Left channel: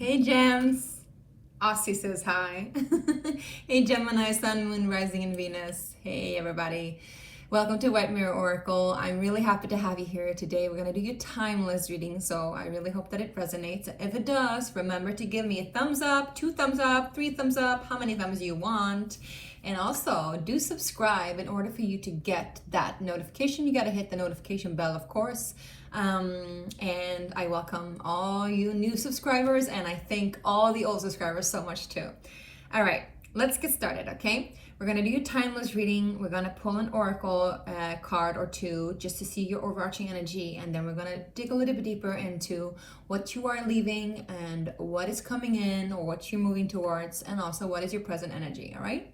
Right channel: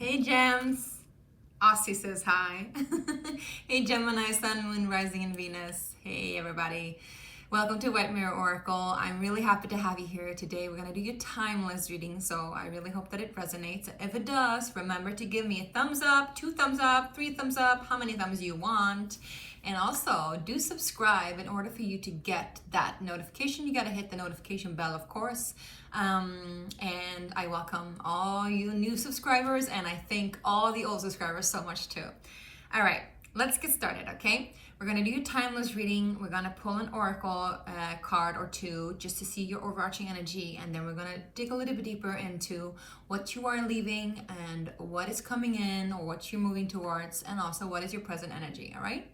Hey Gems, Aussie says hi. Hey Gemini, Sun, Moon, Rising, and Venus. Hey everybody. Welcome to White Mirror Oracle. I'm really happy to have you here today. We're going to do your timeless reading, so I really hope that it resonates. If it does, remember to give me a thumbs up, 2 thumbs up, 3 thumbs up, how many thumbs you want. And also, do subscribe in order for you to get that notification. You got to hit the notification bell, of course. And I welcome all you new subscribers, and I thank all the old subscribers so much too. All right, let's get started, okay? We're gonna do a timeless reading. We're gonna pull an oracle card or two just to see your overarching energy, and then we're gonna dig a little bit deeper into what you are leaving and what is coming in or what you're moving towards, and also what is your present energy, all right?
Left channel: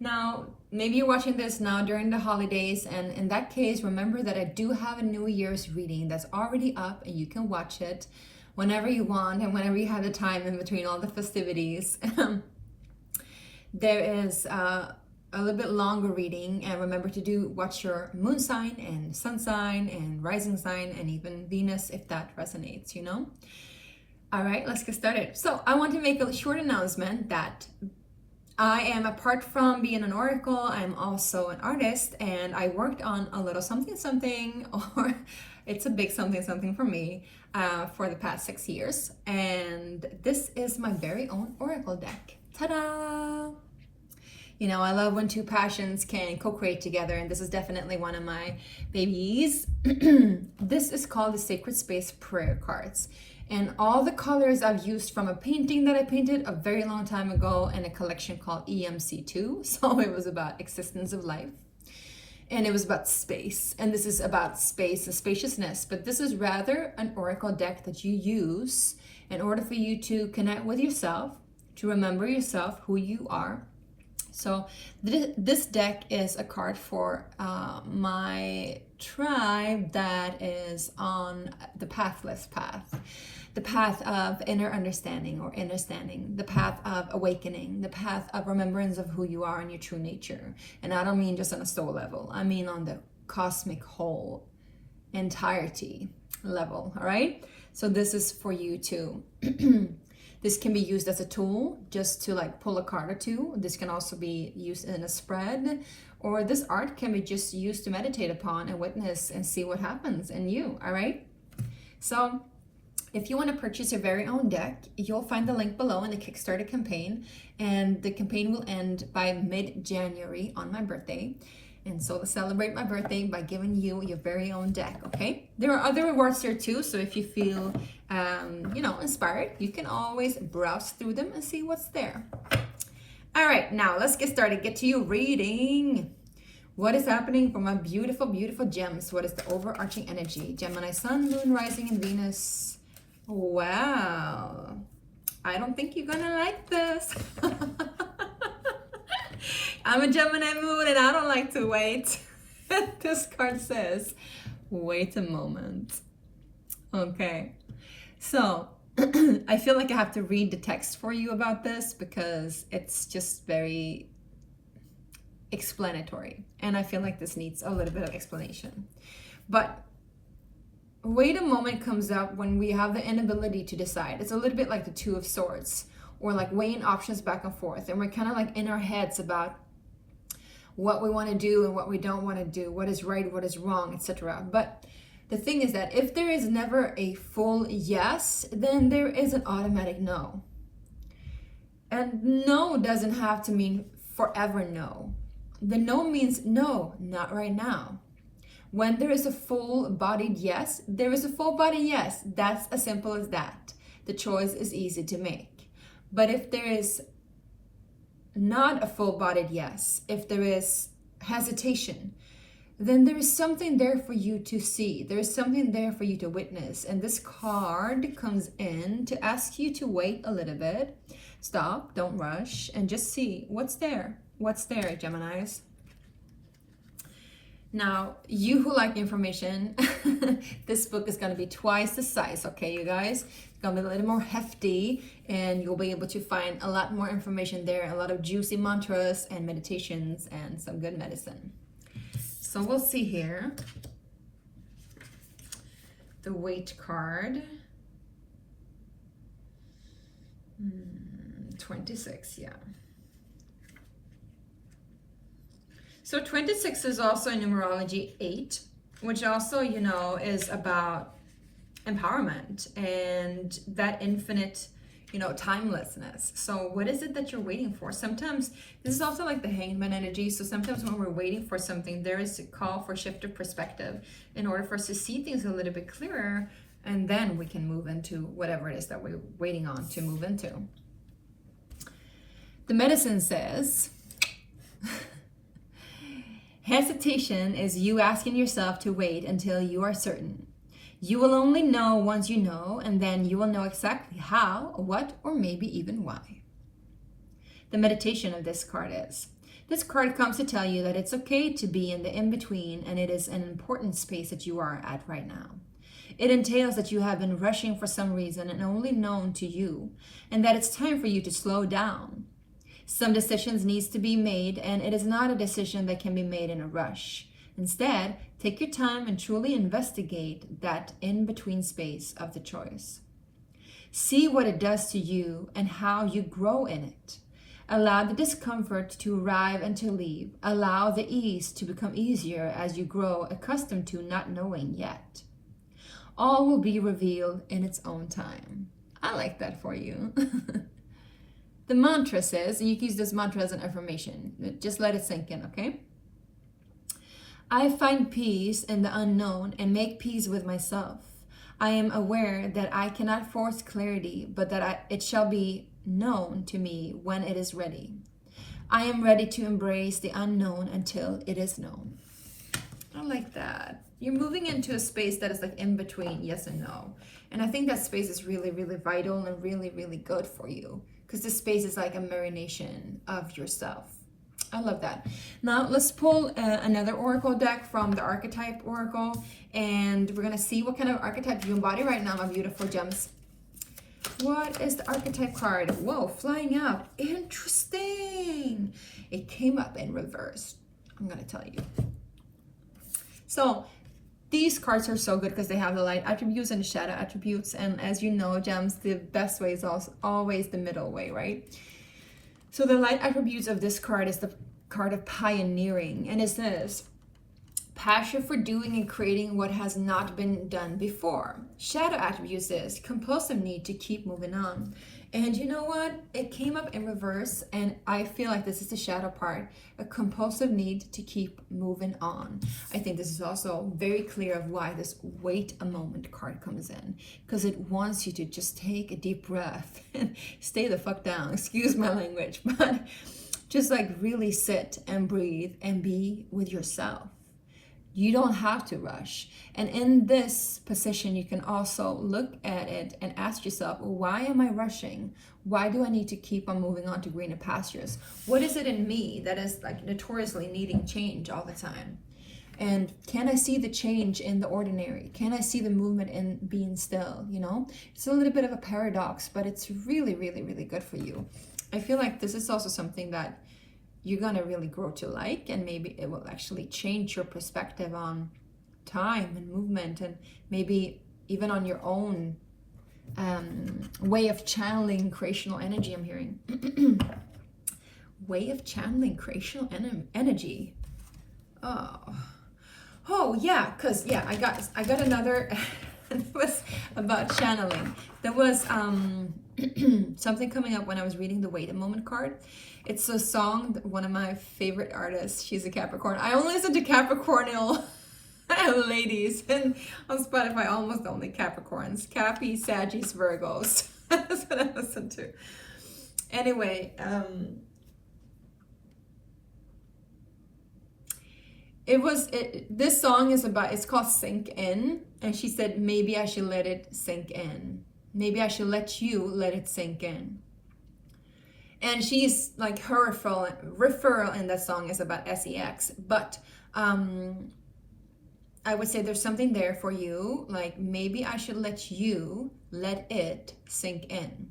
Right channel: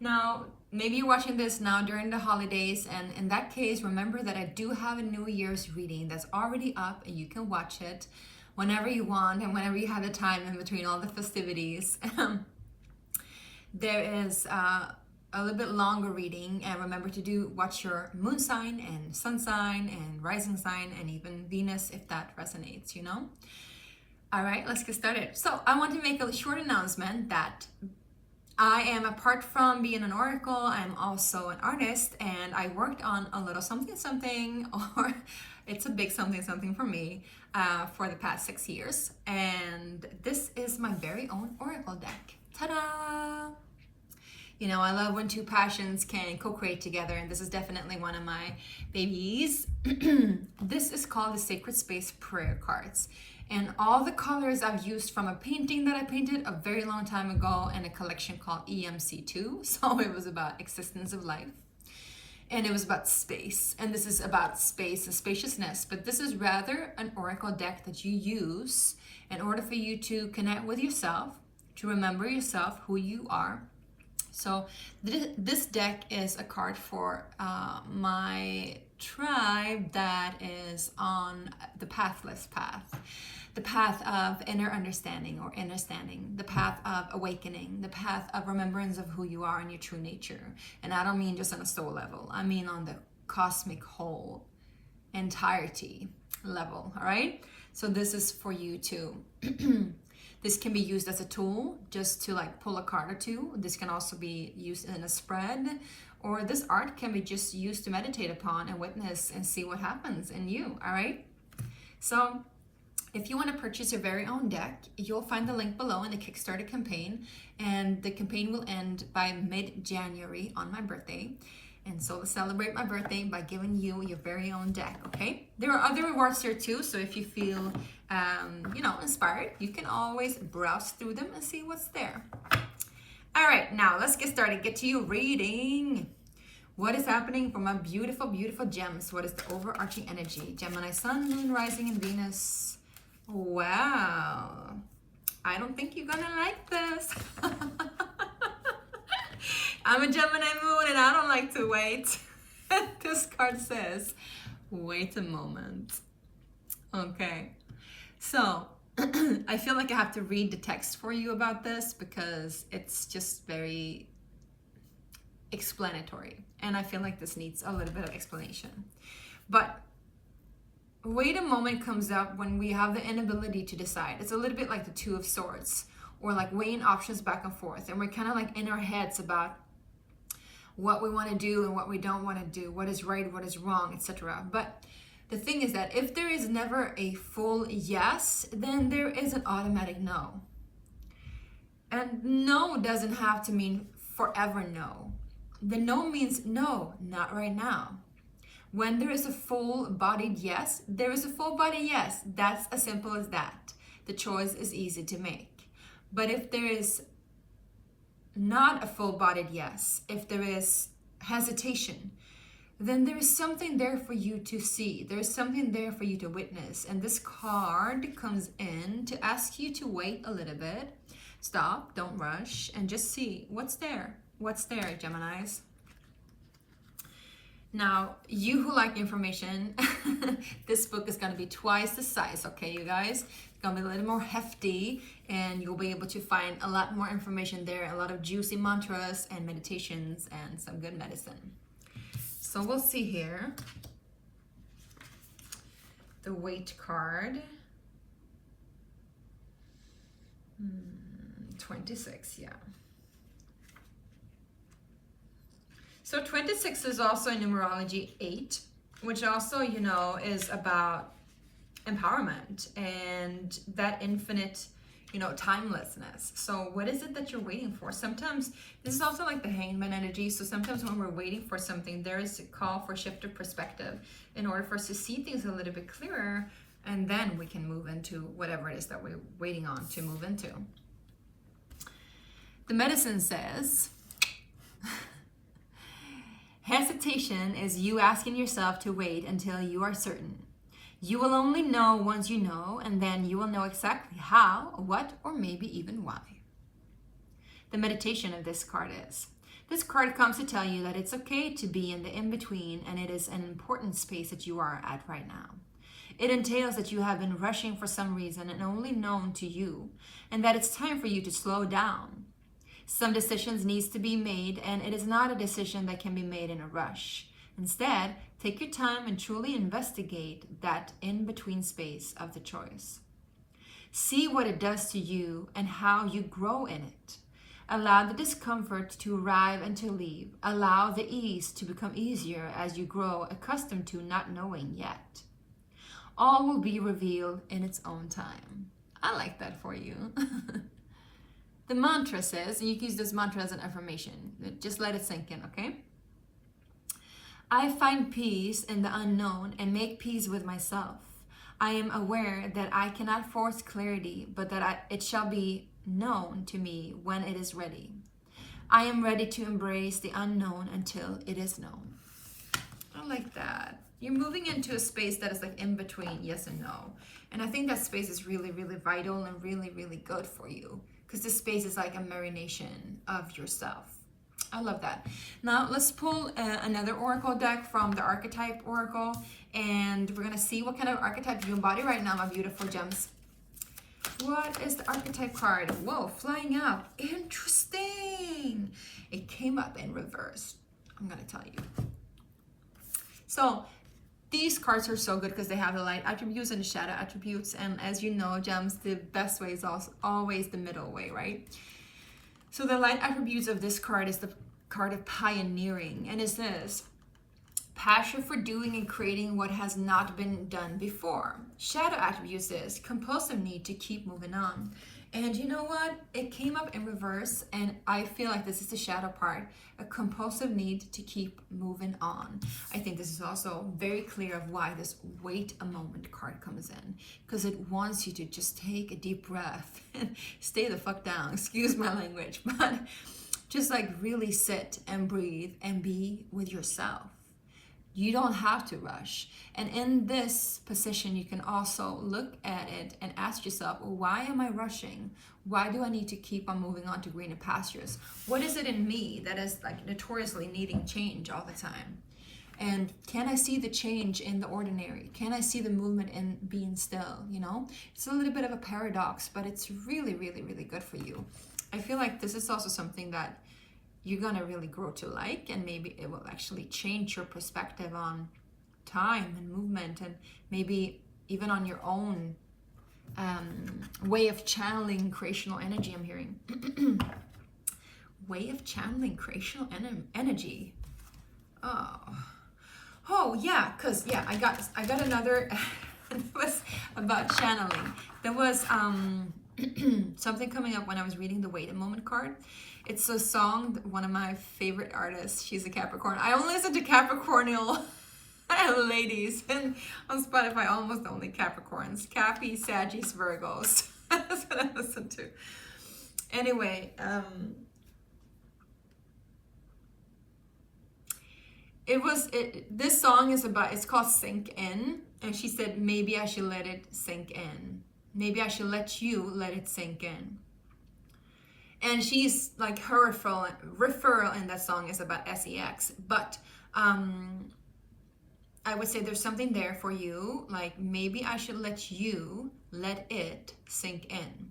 Now, maybe you're watching this now during the holidays, and in that case, remember that I do have a New Year's reading that's already up, and you can watch it whenever you want and whenever you have the time in between all the festivities. There is a little bit longer reading, and remember to watch your moon sign and sun sign and rising sign and even Venus if that resonates, you know? All right, let's get started. So I want to make a short announcement that I am, apart from being an oracle, I'm also an artist, and I worked on a little something, or it's a big something for me, for the past 6 years. And this is my very own oracle deck. Ta-da! You know, I love when two passions can co-create together, and this is definitely one of my babies. This is called the Sacred Space Prayer Cards. And all the colors I've used from a painting that I painted a very long time ago in a collection called EMC2. So it was about existence of life. And it was about space. And this is about space and spaciousness. But this is rather an oracle deck that you use in order for you to connect with yourself, to remember yourself, who you are. So this deck is a card for my tribe that is on the pathless path, the path of inner understanding or understanding, the path of awakening, the path of remembrance of who you are and your true nature. And I don't mean just on a soul level, I mean on the cosmic whole entirety level, all right? So this is for you to this can be used as a tool just to like pull a card or two. This can also be used in a spread, or this art can be just used to meditate upon and witness and see what happens in you, all right? So if you want to purchase your very own deck, you'll find the link below in the Kickstarter campaign, and the campaign will end by mid-January on my birthday. And so to celebrate my birthday by giving you your very own deck, okay? There are other rewards there too, so if you feel, inspired, you can always browse through them and see what's there. All right, now let's get started. Get to your reading. What is happening for my beautiful, beautiful gems? What is the overarching energy? Gemini, Sun, Moon, Rising, and Venus. Wow. I don't think you're gonna like this. I'm a Gemini moon and I don't like to wait. This card says, wait a moment. Okay, so I feel like I have to read the text for you about this because it's just very explanatory. And I feel like this needs a little bit of explanation. But wait a moment comes up when we have the inability to decide. It's a little bit like the Two of Swords, or like weighing options back and forth. And we're kind of like in our heads about what we want to do and what we don't want to do, what is right, what is wrong, etc. But the thing is that if there is never a full yes, then there is an automatic no. And no doesn't have to mean forever no. The no means no, not right now. When there is a full-bodied yes, there is a full-bodied yes. That's as simple as that. The choice is easy to make. But if there is not a full-bodied yes, if there is hesitation, then there is something there for you to see. There is something there for you to witness. And this card comes in to ask you to wait a little bit. Stop, don't rush, and just see what's there. What's there, Geminis? Now, you who like information, this book is going to be twice the size, okay, you guys? It's going to be a little more hefty, and you'll be able to find a lot more information there, a lot of juicy mantras and meditations and some good medicine. So we'll see here. The Weight card. 26, yeah. So 26 is also in numerology 8, which also, you know, is about empowerment and that infinite, you know, timelessness. So what is it that you're waiting for? Sometimes this is also like the hangman energy. So sometimes when we're waiting for something, there is a call for shift of perspective in order for us to see things a little bit clearer, and then we can move into whatever it is that we're waiting on to move into. The medicine says, hesitation is you asking yourself to wait until you are certain. You will only know once you know, and then you will know exactly how, what, or maybe even why. The meditation of this card is, this card comes to tell you that it's okay to be in the in-between, and it is an important space that you are at right now. It entails that you have been rushing for some reason and only known to you, and that it's time for you to slow down. Some decisions needs to be made, and it is not a decision that can be made in a rush. Instead, take your time and truly investigate that in-between space of the choice. See what it does to you and how you grow in it. Allow the discomfort to arrive and to leave. Allow the ease to become easier as you grow accustomed to not knowing yet. All will be revealed in its own time. I like that for you. The mantra says, you can use this mantra as an affirmation. Just let it sink in, okay? I find peace in the unknown and make peace with myself. I am aware that I cannot force clarity, but that it shall be known to me when it is ready. I am ready to embrace the unknown until it is known. I like that. You're moving into a space that is like in between yes and no. And I think that space is really, really vital and really, really good for you, because this space is like a marination of yourself. I love that. Now let's pull another oracle deck from the archetype oracle, and we're going to see what kind of archetype you embody right now, my beautiful gems. What is the archetype card? Whoa, flying up. Interesting. It came up in reverse. I'm going to tell you. So these cards are so good because they have the light attributes and the shadow attributes. And as you know, gems, the best way is also always the middle way, right? So the light attributes of this card is the card of pioneering, and is this: passion for doing and creating what has not been done before. Shadow attributes is compulsive need to keep moving on. And you know what? It came up in reverse, and I feel like this is the shadow part, a compulsive need to keep moving on. I think this is also very clear of why this wait a moment card comes in, because it wants you to just take a deep breath and stay the fuck down, excuse my language, but just like really sit and breathe and be with yourself. You don't have to rush. And in this position, you can also look at it and ask yourself, why am I rushing? Why do I need to keep on moving on to greener pastures? What is it in me that is like notoriously needing change all the time? And can I see the change in the ordinary? Can I see the movement in being still? You know, it's a little bit of a paradox, but it's really, really, really good for you. I feel like this is also something that you're gonna really grow to like, and maybe it will actually change your perspective on time and movement, and maybe even on your own way of channeling creational energy. I'm hearing way of channeling creational energy. Oh yeah, because yeah, I got another. It was about channeling. There was something coming up when I was reading the Wait a Moment card. It's a song, one of my favorite artists. She's a Capricorn. I only listen to Capricornial ladies, and on Spotify, almost only Capricorns. Cappy, Sagittarius, Virgos. That's what I listen to. Anyway, this song is about, it's called Sink In, and she said, maybe I should let it sink in. Maybe I should let you let it sink in. And she's like, her referral in that song is about sex, but I would say there's something there for you, like maybe I should let you let it sink in.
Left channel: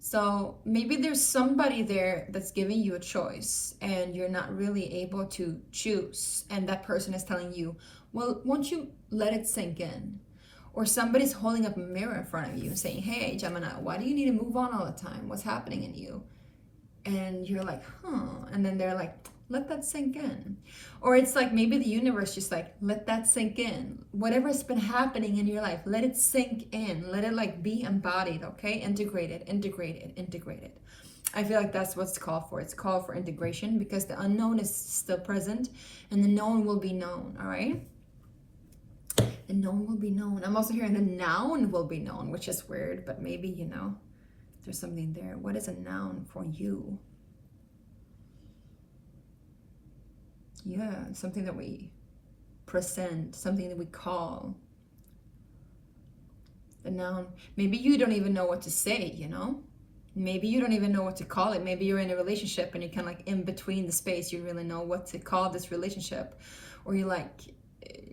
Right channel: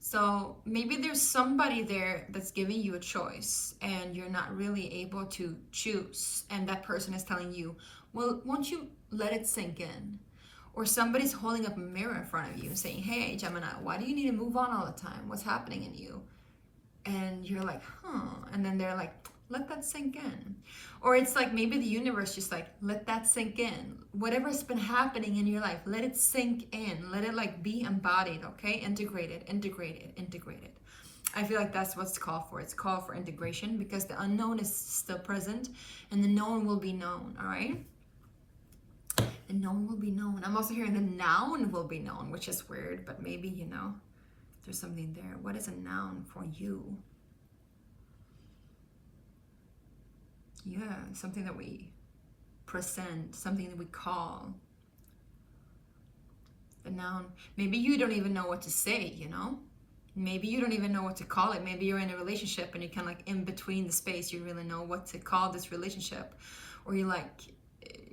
So maybe there's somebody there that's giving you a choice and you're not really able to choose, and that person is telling you, well, won't you let it sink in? Or somebody's holding up a mirror in front of you and saying, hey, Gemini, why do you need to move on all the time? What's happening in you? And you're like, and then they're like, let that sink in. Or it's like maybe the universe just like, let that sink in. Whatever's been happening in your life, let it sink in. Let it like be embodied, okay? Integrated. I feel like that's what it's called for. It's called for integration because the unknown is still present and the known will be known, all right? The known will be known. I'm also hearing the noun will be known, which is weird, but maybe, you know, there's something there. What is a noun for you? Yeah, something that we present, something that we call. The noun, maybe you don't even know what to say, you know? Maybe you don't even know what to call it. Maybe you're in a relationship and you're kind of like in between the space. You really know what to call this relationship. Or you like,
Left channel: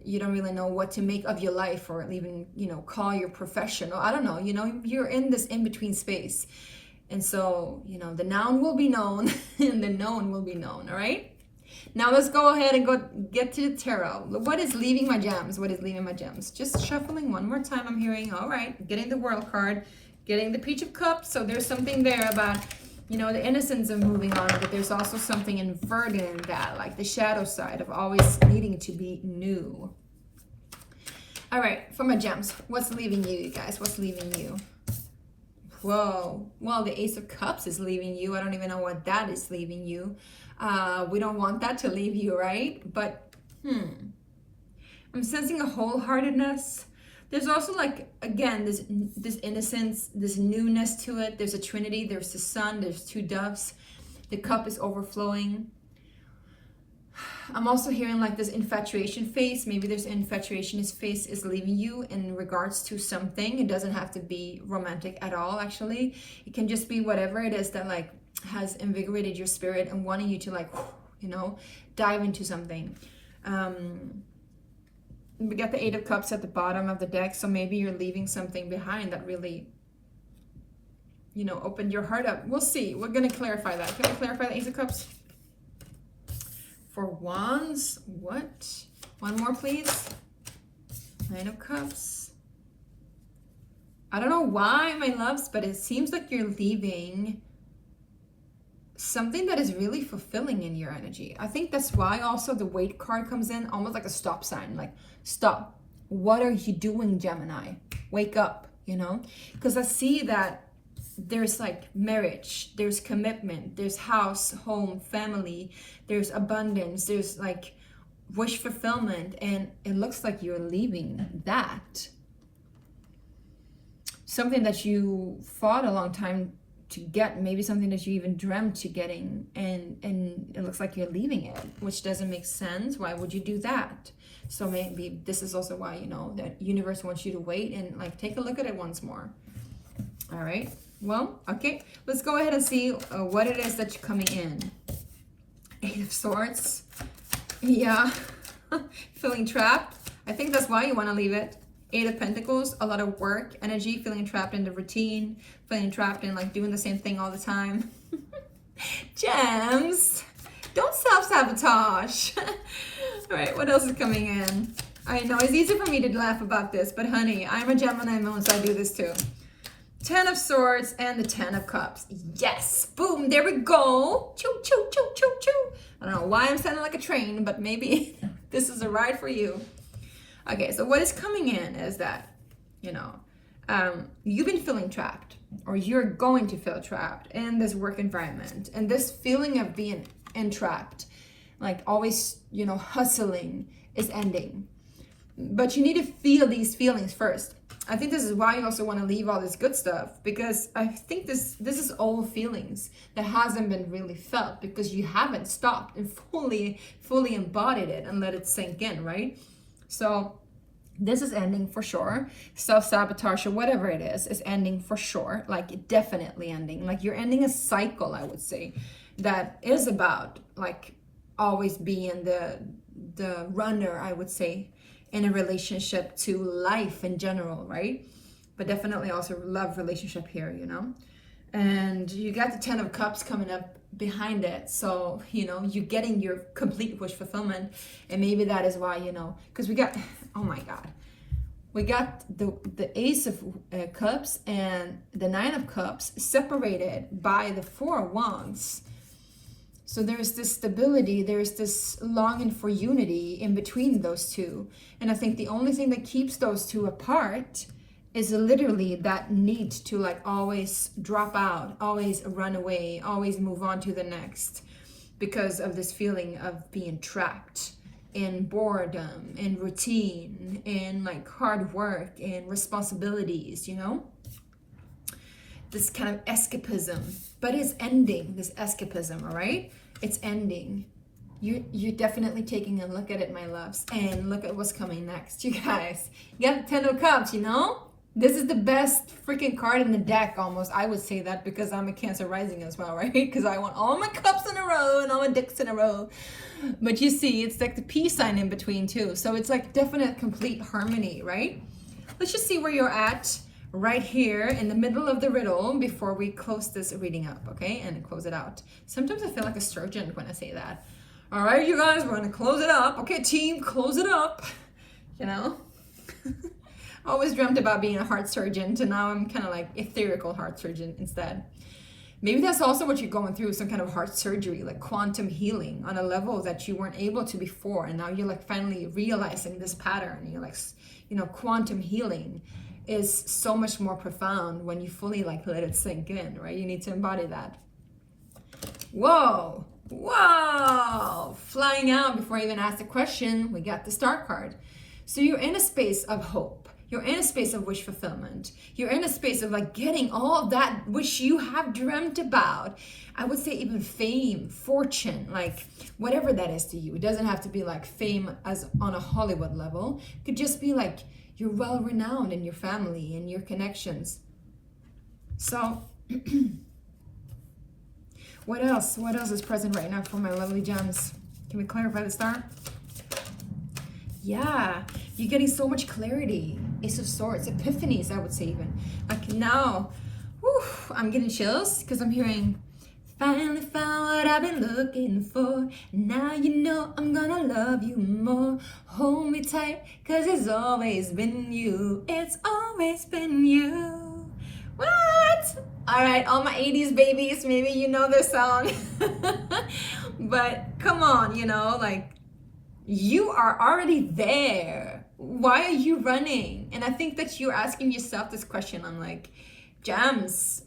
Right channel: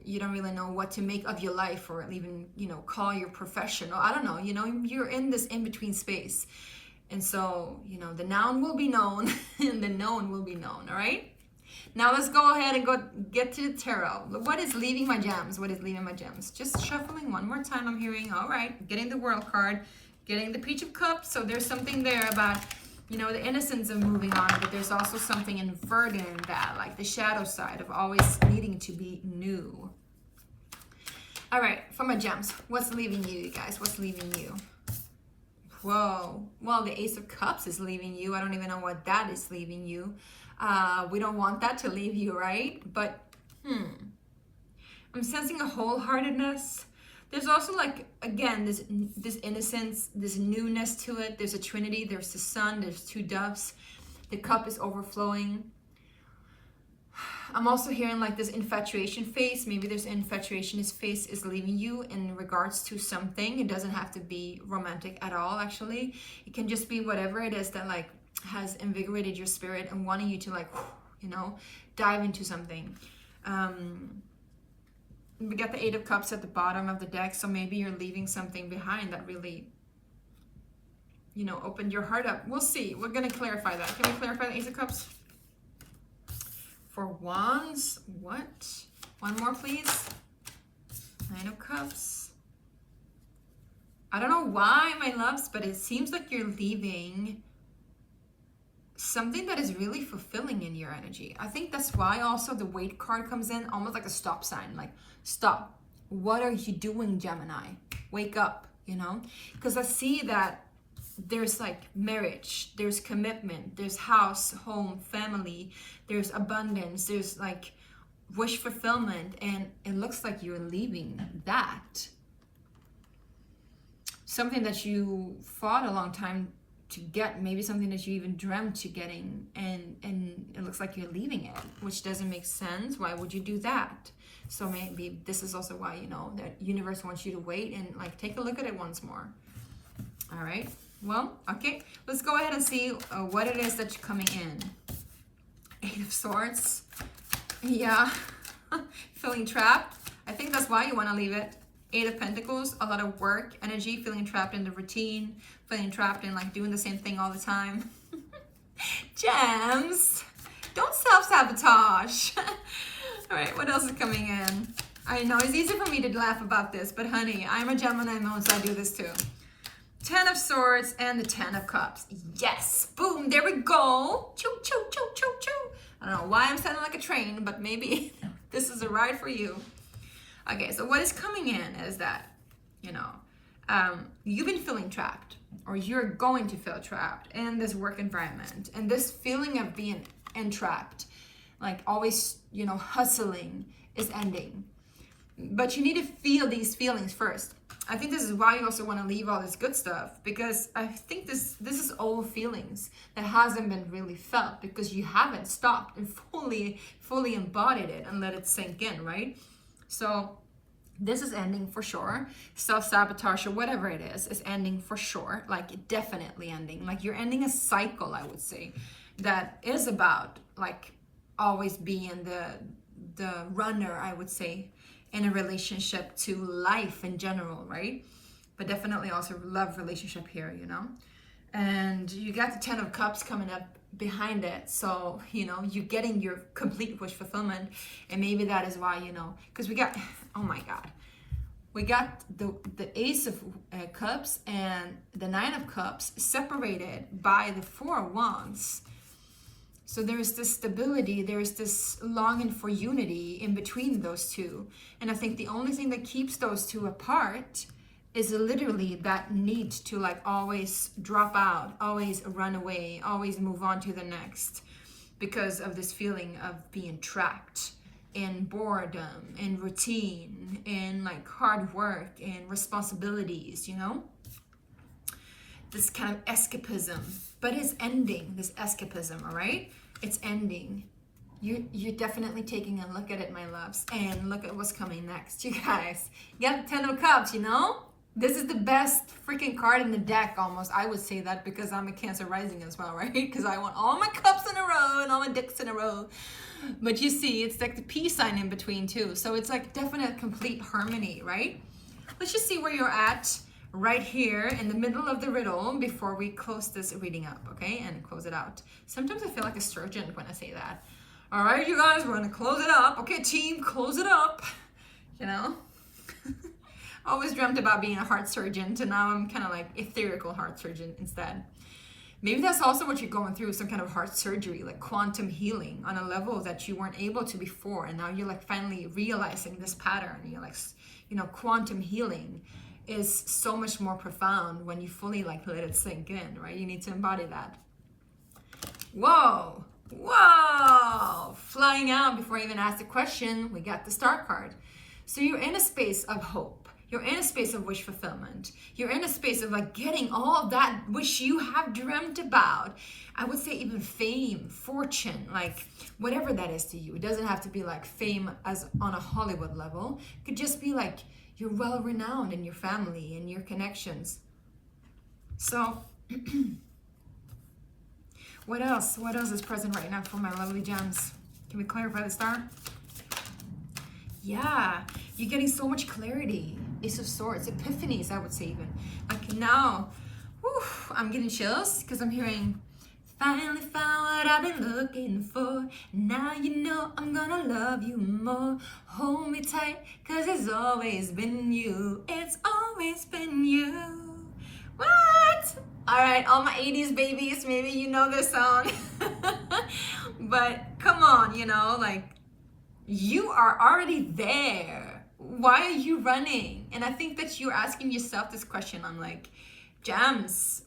you don't really know what to make of your life or even, you know, call your profession. Or I don't know, you know, you're in this in-between space. And so, you know, the noun will be known and the known will be known, all right? Now let's go ahead and go get to the tarot. What is leaving my gems? What is leaving my gems? Just shuffling one more time. I'm hearing, all right, getting the World card, getting the Page of Cups. So there's something there about, you know, the innocence of moving on, but there's also something inverted in that, like the shadow side of always needing to be new. All right, for my gems, what's leaving you guys? What's leaving you? Whoa, well, the Ace of Cups is leaving you. I don't even know what that is leaving you. We don't want that to leave you, right? But, I'm sensing a wholeheartedness. There's also like, again, this innocence, this newness to it. There's a trinity, there's the sun, there's two doves. The cup is overflowing. I'm also hearing like this infatuation phase. Maybe this infatuation phase is leaving you in regards to something. It doesn't have to be romantic at all, actually. It can just be whatever it is that like has invigorated your spirit and wanting you to like, you know, dive into something. We got the Eight of Cups at the bottom of the deck, so maybe you're leaving something behind that really, you know, opened your heart up. We'll see. We're going to clarify that. Can we clarify the Ace of Cups? For Wands, what? One more, please. Nine of Cups. I don't know why, my loves, but it seems like you're leaving something that is really fulfilling in your energy. I think that's why also the Wait card comes in, almost like a stop sign, like stop. What are you doing, Gemini? Wake up, you know? Because I see that there's like marriage, there's commitment, there's house, home, family, there's abundance, there's like wish fulfillment, and it looks like you're leaving that. Something that you fought a long time to get, maybe something that you even dreamt to getting, and it looks like you're leaving it, which doesn't make sense. Why would you do that? So maybe this is also why, you know, the universe wants you to wait and like take a look at it once more. All right, well, okay, let's go ahead and see what it is that's coming in. Eight of Swords. Yeah. Feeling trapped. I think that's why you want to leave it. Eight of Pentacles, a lot of work energy, feeling trapped in the routine, feeling trapped in like doing the same thing all the time. Gems, don't self-sabotage. All right, what else is coming in? I know it's easy for me to laugh about this, but honey, I'm a Gemini moon, so I do this too. 10 of Swords and the 10 of Cups. Yes, boom, there we go. Choo, choo, choo, choo, choo. I don't know why I'm sounding like a train, but maybe this is a ride for you. Okay, so what is coming in is that, you know, you've been feeling trapped, or you're going to feel trapped in this work environment, and this feeling of being entrapped, like always, you know, hustling, is ending. But you need to feel these feelings first. I think this is why you also want to leave all this good stuff, because I think this is all feelings that hasn't been really felt because you haven't stopped and fully embodied it and let it sink in, right? So this is ending for sure. Self-sabotage or whatever it is ending for sure. Like definitely ending. Like you're ending a cycle, I would say, that is about like always being the runner, I would say, in a relationship to life in general, right? But definitely also love relationship here, you know? And you got the 10 of Cups coming up behind it. So, you know, you're getting your complete wish fulfillment. And maybe that is why, you know, because we got, oh my God. we got the Ace of Cups and the Nine of Cups separated by the Four of Wands. So there's this stability, there's this longing for unity in between those two. And I think the only thing that keeps those two apart is literally that need to like always drop out, always run away, always move on to the next, because of this feeling of being trapped in boredom, in routine, in like hard work, in responsibilities, you know? This kind of escapism, but it's ending, this escapism, all right? It's ending. You're definitely taking a look at it, my loves, and look at what's coming next, you guys. You got the Ten of Cups, you know? This is the best freaking card in the deck, almost. I would say that because I'm a Cancer rising as well, right? Because I want all my cups in a row and all my dicks in a row. But you see, it's like the peace sign in between too. So it's like definite complete harmony, right? Let's just see where you're at right here in the middle of the riddle before we close this reading up, okay? And close it out. Sometimes I feel like a surgeon when I say that. All right, you guys, we're gonna close it up. Okay, team, close it up. You know? I always dreamt about being a heart surgeon, and now I'm kind of like etherical heart surgeon instead. Maybe that's also what you're going through, some kind of heart surgery, like quantum healing on a level that you weren't able to before. And now you're like finally realizing this pattern. You're like, you know, quantum healing is so much more profound when you fully like let it sink in, right? You need to embody that. Whoa, whoa, flying out before I even ask the question, we got the Star card. So you're in a space of hope. You're in a space of wish fulfillment. You're in a space of like getting all that which you have dreamt about. I would say even fame, fortune, like whatever that is to you. It doesn't have to be like fame as on a Hollywood level. It could just be like you're well renowned in your family and your connections. So what else? What else is present right now for my lovely gems? Can we clarify the Star? Yeah, you're getting so much clarity. Ace of Swords, epiphanies, I would say even. Like now, whew, I'm getting chills because I'm hearing, finally found what I've been looking for. Now you know I'm gonna love you more. Hold me tight, cause it's always been you. It's always been you. What? All right, all my 80s babies, maybe you know this song. But come on, you know, like, you are already there. Why are you running? And I think that you're asking yourself this question. I'm like, Gems,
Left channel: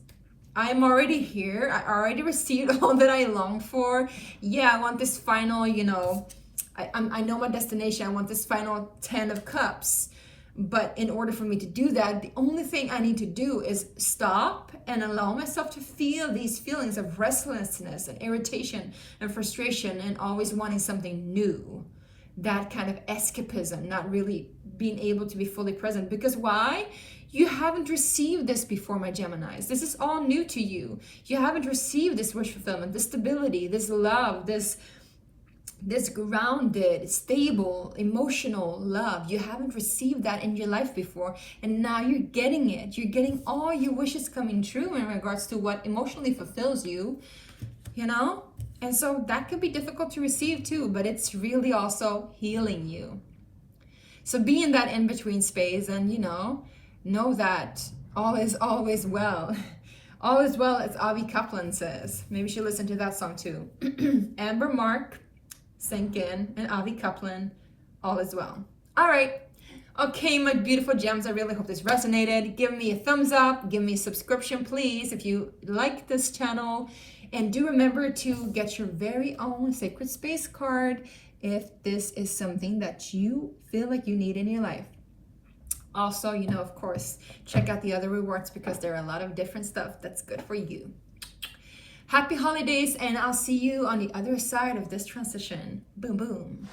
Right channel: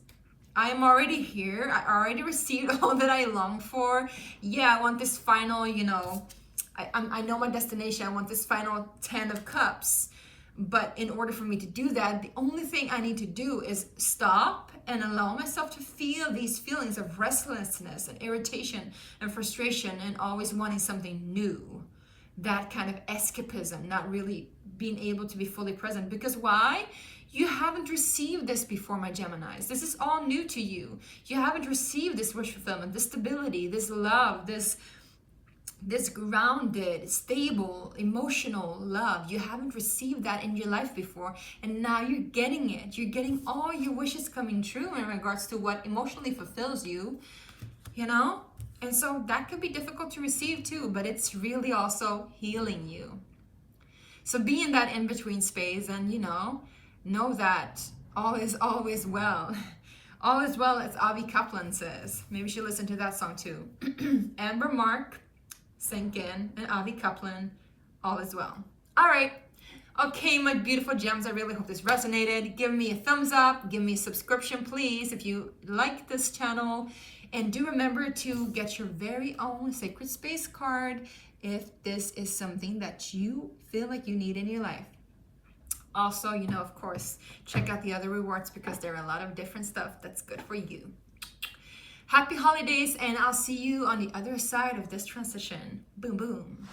I am already here. I already received all that I long for. Yeah, I want this final, you know, I know my destination. I want this final 10 of Cups. But in order for me to do that, the only thing I need to do is stop and allow myself to feel these feelings of restlessness and irritation and frustration and always wanting something new. That kind of escapism, not really being able to be fully present. Because why? You haven't received this before, my Geminis. This is all new to you. You haven't received this wish fulfillment, this stability, this love, this grounded, stable, emotional love. You haven't received that in your life before, and now you're getting it. You're getting all your wishes coming true in regards to what emotionally fulfills you, you know? And so that could be difficult to receive too, but it's really also healing you. So be in that in-between space and, you know that all is always well. All is well, as Avi Kaplan says. Maybe you should listen to that song too. Amber Mark, Sink In, and Avi Kaplan, all is well. All right. Okay, my beautiful gems, I really hope this resonated. Give me a thumbs up. Give me a subscription, please, if you like this channel. And do remember to get your very own Sacred Space card if this is something that you feel like you need in your life. Also, you know, of course, check out the other rewards because there are a lot of different stuff that's good for you. Happy holidays, and I'll see you on the other side of this transition. Boom, boom.